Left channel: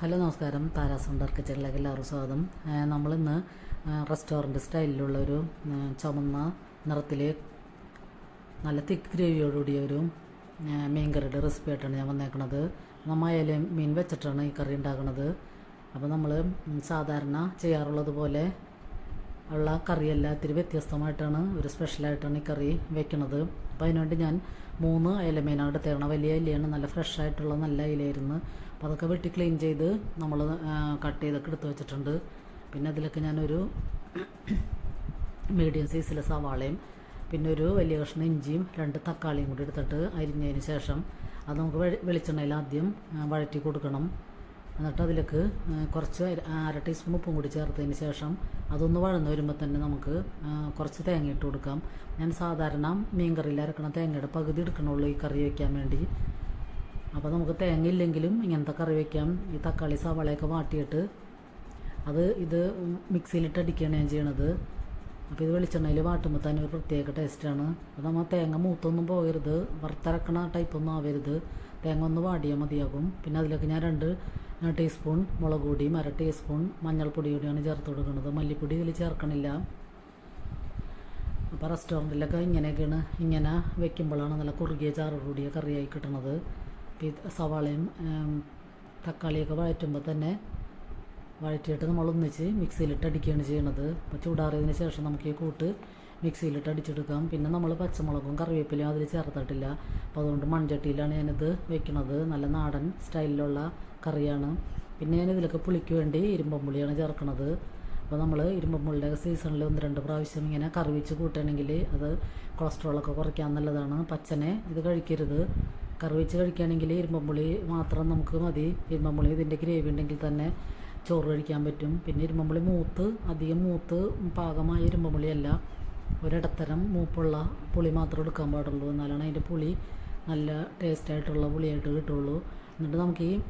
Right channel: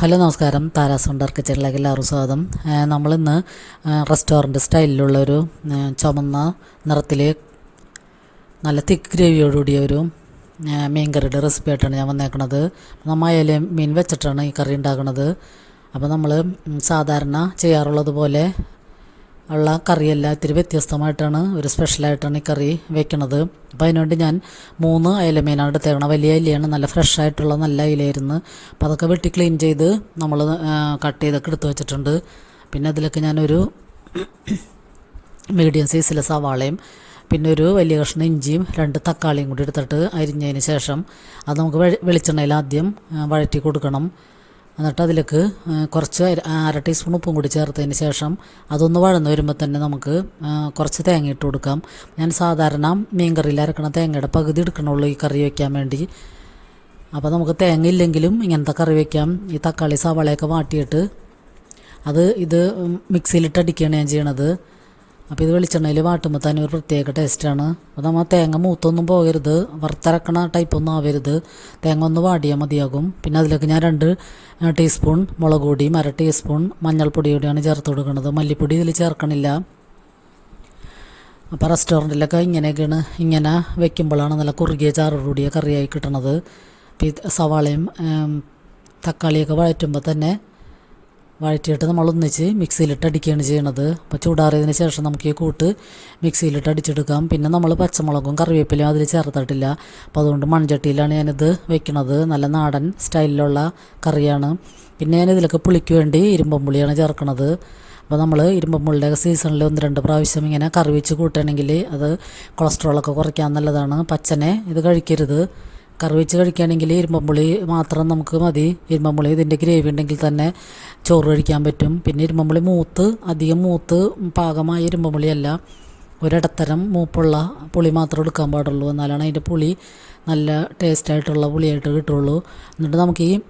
Hello നമസ്കാരം, Tara's wonder കിച്ചണിലേക്ക് എല്ലാവർക്കും സ്വാഗതം. നമ്മളിന്ന് റെസ്റ്റോറൻറ്റ് സ്റ്റൈലിലുള്ളൊരു ചുമന്ന നിറത്തിൽ നല്ല തിക്ക് ഗ്രേവിയോടുകൂടിയ ഒരു മീൻ കറിയുടെ റെസിപ്പി ആയിട്ടാണ് ഞാൻ വന്നേക്കണത്. നമ്മൾ അയല മീൻ വെച്ചിട്ടാണ് ഈ കറി ഉണ്ടാക്കുന്നത്. അപ്പോൾ നമ്മൾ സാധാരണ ചെയ്യാറുള്ളത് പോലെ ഉള്ള കറിയല്ല, ഇത്തിരി വ്യത്യസ്തമായിട്ടാണ്, ഒരു സ്പെഷ്യലായിട്ടാണ് ഈ കറി വെക്കണത്. അപ്പോൾ അതിനുവേണ്ടി ഞാൻ 3 അയല മീനാണ് എടുത്തേക്കണം. വലിയ അയിലയാണ്, നല്ല ഫ്രഷായിട്ടുള്ള നല്ല അയിലായിരുന്നു. അപ്പോൾ അതൊക്കെ വെട്ടി ക്ലീൻ ചെയ്ത് നമ്മൾ കട്ട് ചെയ്തൊക്കെ എടുത്ത് വെച്ചിട്ടുണ്ട്. പിന്നെ അതിലൊക്കെ ഞാനൊരു മീഡിയം സൈസിലെ സവാളയും പിന്നെ ഒരു വലിയ കഷ്ണം ഇഞ്ചിയും 2 തക്കാളിയും കൂടി എടുത്തിട്ട് അരിഞ്ഞതിന് ശേഷം അത് നമുക്ക് വെളിച്ചെണ്ണയിൽ ആദ്യം വഴറ്റി കൊടുക്കണം. എന്നിട്ട് അതിലേക്ക് കുറച്ച് 1/2 ടീസ്പൂൺ ഉപ്പും കൂടി ചേർത്തതിന് ശേഷം അതൊന്ന് വഴന്ന് വരുമ്പോൾ തന്നെ നമുക്ക് കുറച്ച് തേങ്ങ ഇട്ട് കൊടുക്കാം. ഞാൻ സാധാരണ മീൻ കറിയിൽ അരക്കണ തേങ്ങയുടെ പകുതി എടുക്കണുള്ളൂ ഈ കറി വയ്ക്കാൻ വേണ്ടി. അപ്പോൾ നമുക്ക് തേങ്ങ ഇല്ലെങ്കിലും ഇങ്ങനത്തെ കറി വയ്ക്കാം. ഈ തക്കാളി സവാളയൊക്കെ വാട്ടിയിട്ട് ഇത് മിക്സിയിലിട്ട് അടിക്കുകയാണ് ഞാൻ ചെയ്യണത്. അപ്പോൾ ഇത് വെളിച്ചെണ്ണയിൽ വാട്ടുമ്പോൾ തന്നെ ഒരു പ്രത്യേക ടേസ്റ്റാണ്. അപ്പോൾ നമ്മൾ തേങ്ങ മൂത്തൊന്നും പോകരുത്, വറുത്തരക്കണ ടൈപ്പൊന്നും ആവരുത്, തേങ്ങ ഒന്ന് വാടിയാൽ മതിയാകും. പിന്നെ അതിലേക്ക് ഞാൻ 2 ടീസ്പൂൺ മുളക് പൊടിയും 1/2 ടീസ്പൂൺ മഞ്ഞൾപ്പൊടി കൂടിയാണ് ചേർത്ത് കൊടുക്കുന്നത്. മല്ലിപ്പൊടി ഇതിൽ ചേർക്കണില്ല. അപ്പോൾ റെസ്റ്റോറൻറ്റിലൊക്കെ ഇങ്ങനെ വെക്കുമ്പോഴാണ് നല്ല കുറുകിയ ചാറോടുകൂടിയ കറിയായി കിട്ടണത്. അപ്പോൾ ഈ സവാളയും തക്കാളിയൊക്കെ വഴറ്റുമ്പോൾ തന്നെ വഴറ്റിയിട്ട് നമ്മൾ ഒന്നിച്ച് മിക്സിയിലിട്ട് അടിക്കുകയാണ് ചെയ്യണത്. അപ്പോൾ ചൂടാറിയതിന് ശേഷം നമുക്ക് ഈ കൂട്ട് മിക്സിയിലിട്ട് അടിച്ചെടുക്കാം. പിന്നെ നമ്മൾ പച്ചമുളകും കറിവേപ്പിലയും അതിൽ ചേർത്തിട്ടില്ല. അപ്പോൾ അതുകൊണ്ട് മൺചട്ടിയിലാണ് ഞാനിത് വെക്കുന്നത്. നല്ല നാടൻ സ്റ്റൈലിലുള്ള കറിയാണ്. പിന്നെ ഞാനിതിലൊക്കെ പുളിക്ക് വേണ്ടി ഇരുമ്പമ്പുളിയാണ് ചേർക്കണത്. അപ്പോൾ നമ്മൾ ഇരുമ്പമ്പുളിയുടെ സീസണിൽ 1-2 പ്രാവശ്യം ഇങ്ങനെ കറി വെച്ച് കൂട്ടുകയാണെങ്കിൽ അത് കൊളസ്ട്രോളൊക്കെ കുറയ്ക്കാൻ നല്ലതാണ്. പച്ചനെ ഇത് കഴിക്കരുത്. കറി വെച്ച് കഴിക്കുകയാണെങ്കിൽ ഇരുമ്പമ്പുളി മാത്രം നമുക്ക് മതി. ഇരുമ്പമ്പുളി ഇതിൻ്റെ ഗ്രേവി ഉണ്ടെങ്കിൽ തന്നെ ചോറ് കഴിക്കാൻ പറ്റും. പിന്നെ ഇരുമ്പമ്പുളി അധികം മൂത്ത് പാകമായ ഇരുമ്പമ്പുളിയല്ല, ഒരിടത്തരം മൂപ്പുള്ള പുളി മാത്രം എടുക്കാൻ പാടുള്ളൂ. എന്നാലാണ് അതിൻ്റെ പുളി നല്ല ടേസ്റ്റായിട്ടുള്ള പുളിയായിട്ട് കിട്ടുള്ളൂ. എന്നിട്ട് നമുക്ക് ഈ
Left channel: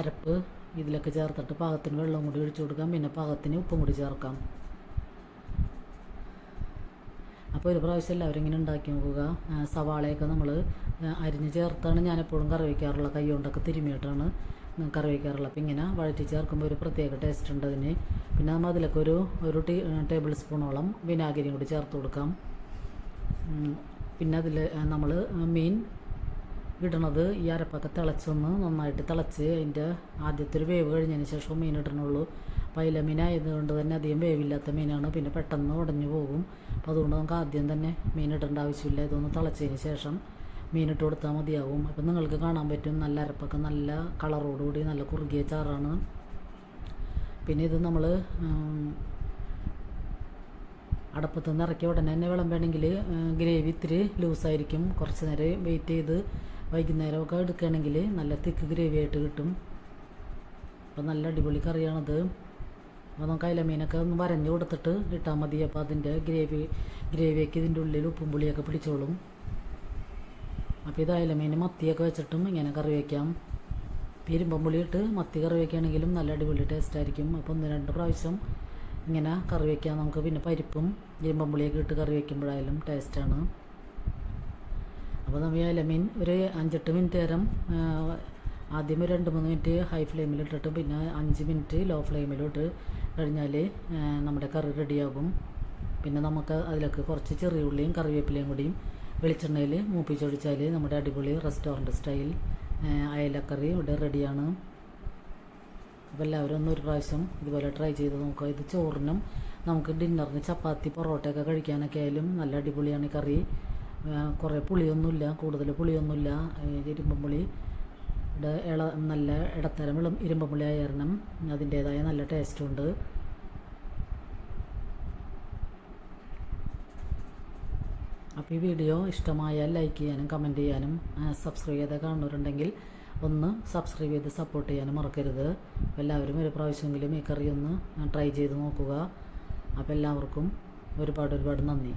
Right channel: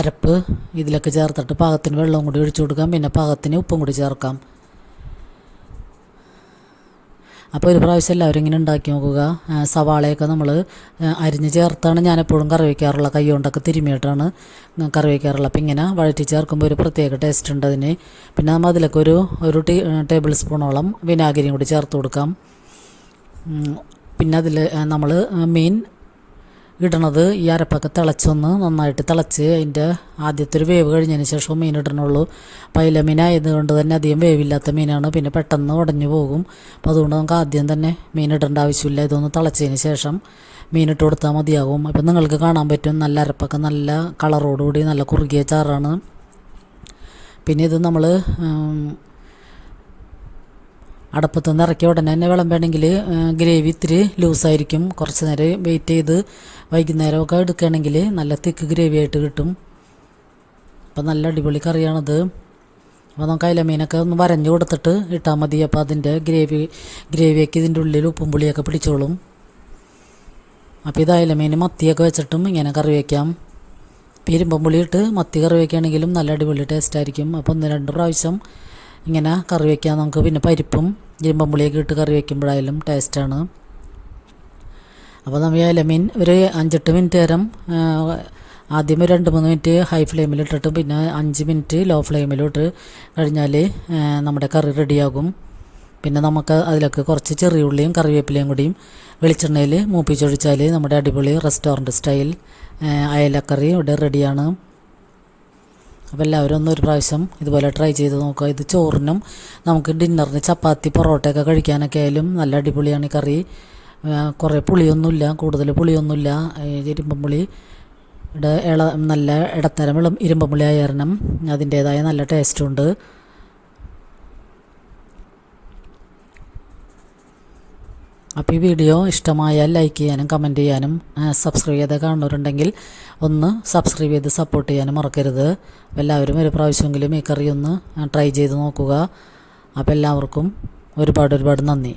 അരപ്പ് ഇതിലൊക്കെ ചേർത്തിട്ട് പാകത്തിന് വെള്ളവും കൂടി ഒഴിച്ചു കൊടുക്കാം. പിന്നെ പാകത്തിന് ഉപ്പും കൂടി ചേർക്കാം. അപ്പോൾ ഒരു പ്രാവശ്യം എല്ലാവരും ഇങ്ങനെ ഉണ്ടാക്കി നോക്കുക. സവാളയൊക്കെ നമ്മൾ അരിഞ്ഞ് ചേർത്താണ് ഞാനെപ്പോഴും കറി വയ്ക്കാറുള്ള, കൈ കൊണ്ടൊക്കെ തിരുമിയിട്ടാണ് കറി വയ്ക്കാറുള്ളത്. അപ്പോൾ ഇങ്ങനെ വഴറ്റി ചേർക്കുമ്പോൾ ഒരു പ്രത്യേക ടേസ്റ്റ് ഉണ്ട് അതിന്. പിന്നെ നമ്മൾ അതിലൊക്കെ ഒരു ടേബിൾ സ്പൂണോളം വിനാഗിരിയും കൂടി ചേർത്ത് കൊടുക്കാം. പിന്നെ അതിൽ നമ്മൾ മീൻ ഇടണത് ഈ അരപ്പൊക്കെ നന്നായിട്ട് തിളച്ച് അതിൻ്റെ ആദ്യത്തെ ഒരു വേവ് കഴിഞ്ഞതിന് ശേഷം മീൻ ഇടണുള്ളൂ. അപ്പോൾ അയില മീനായതുകൊണ്ട് തന്നെ അധികം വേവില്ലാത്ത മീനാണ്, പിന്നെ പെട്ടെന്ന് ഉടഞ്ഞു പോകും. അപ്പോൾ അതുകൊണ്ട് നമുക്ക് ആദ്യം തന്നെ മീൻ ഇടേണ്ട ആവശ്യമില്ല. ഇതൊന്ന് തിളച്ചതിന് ശേഷം മീനിട്ട് കൊടുത്താൽ മതിയാകും. അപ്പോൾ നിങ്ങൾക്ക് കാണാൻ പറ്റും നല്ല അരപ്പൊക്കെ നല്ല കളറോടുകൂടി നല്ല കുറുകിയ ചാറാണ്. പിന്നെ ഇത് നമ്മൾ അടുപ്പത്തു നിന്ന് ഇറക്കി ഉടനെ തന്നെ വിളമ്പണമെങ്കിൽ ഗ്രേവി ഇത്തിരി ലൂസായിരിക്കും. കുറച്ച് നേരം വെയിറ്റ് ചെയ്ത് വൈകുന്നേരമൊക്കെ എടുക്കുകയാണെങ്കിൽ നല്ല തിക്ക് ഗ്രേവി ആയിട്ട് കിട്ടും. അപ്പോൾ നല്ല അടിപൊളി കറിയാണിത്. അപ്പോൾ നമുക്ക് അയില മീനൊക്കെ ഒന്ന് വരഞ്ഞു കൊടുത്തിട്ട് ഇട്ടാൽ മതി. അപ്പോൾ അതിൻ്റെ ഗ്രേവിയൊക്കെ ഇതിൻ്റെ ഉള്ളിൽ ഉപ്പും പുളിയൊക്കെ പിടിച്ചോളും. അപ്പോൾ ഇത് അയില മീൻ മത്തിയൊക്കെ വെച്ചിട്ടും ഇങ്ങനെ കറി വയ്ക്കാം. ഇരുമ്പം പുളി ഇട്ട് മത്തി കറി വയ്ക്കുകയാണെങ്കിലും നല്ല അടിപൊളി ടേസ്റ്റായിരിക്കും. അപ്പോൾ 1-2 പ്രാവശ്യം ഇങ്ങനെ കറി വയ്ക്കാം നമുക്ക്. പിന്നെ പരിപ്പും ഇരുമ്പം പുളിയൊക്കെ ഇട്ട് കറി വയ്ക്കുമ്പോഴായാലും ടേസ്റ്റാണ്. അപ്പോൾ നമ്മൾ അയിലമീൻ ഒരു 5-8 മിനിറ്റ് നേരം ആദ്യം 2-3 മിനിറ്റ് ഹൈ ഫ്ലെയിമിലിട്ടിട്ട് പിന്നെ 5 മിനിറ്റ് ലോ ഫ്ലെയിമിലിട്ട് കഴിഞ്ഞാൽ നമ്മുടെ കറി റെഡിയാകും. പിന്നെ നമുക്ക് അതിലൊക്കെ കുറച്ച് ചെറിയ ഉള്ളിയും കറിവേപ്പിലയും കൂടിയും വെളിച്ചെണ്ണയിൽ മൂപ്പിച്ചൊഴിച്ചാൽ നമ്മുടെ അടിപൊളി റെസ്റ്റോറൻറ്റ് സ്റ്റൈൽ അയലക്കറി ഇവിടെ റെഡിയാണ്. അപ്പോൾ എല്ലാവരും ഒരു പ്രാവശ്യം ഇതുപോലെ ട്രൈ ചെയ്ത് നോക്കുക. ഇത് ചോറിനും നമുക്ക് ഡിന്നറിന് ചപ്പാത്തി പൊറോട്ടയൊക്കെ കഴിക്കാനൊക്കെ ആയാലും നല്ല അടിപൊളിയാണ് ഈ കറി. കുറേ പുളിയൊന്നുമില്ല, കൂടുതൽ പുളിയൊന്നുമില്ല. ഇരുമ്പം പുളി നല്ല ഇടത്തരം ഇരുമ്പം പുളി ആയ കാരണം അതിൻ്റേതായ നല്ല ടേസ്റ്റുണ്ട്. അപ്പോൾ ഈ വീഡിയോ ഇഷ്ടമായാൽ ലൈക്ക് ചെയ്യാനും കമൻറ്റ് ചെയ്യാനും സബ്സ്ക്രൈബ് ചെയ്ത് കാണുന്നവരുണ്ടെങ്കിൽ ഒന്ന് സബ്സ്ക്രൈബ് ചെയ്ത് സപ്പോർട്ട് ചെയ്യാനും മറക്കരുത്. എല്ലാവരും ഒരു പ്രാവശ്യമെങ്കിലും ഈ കറി ഒന്ന് ട്രൈ ചെയ്ത് നോക്കുക. അപ്പോൾ എല്ലാവർക്കും ഒരുപാട് നന്ദി.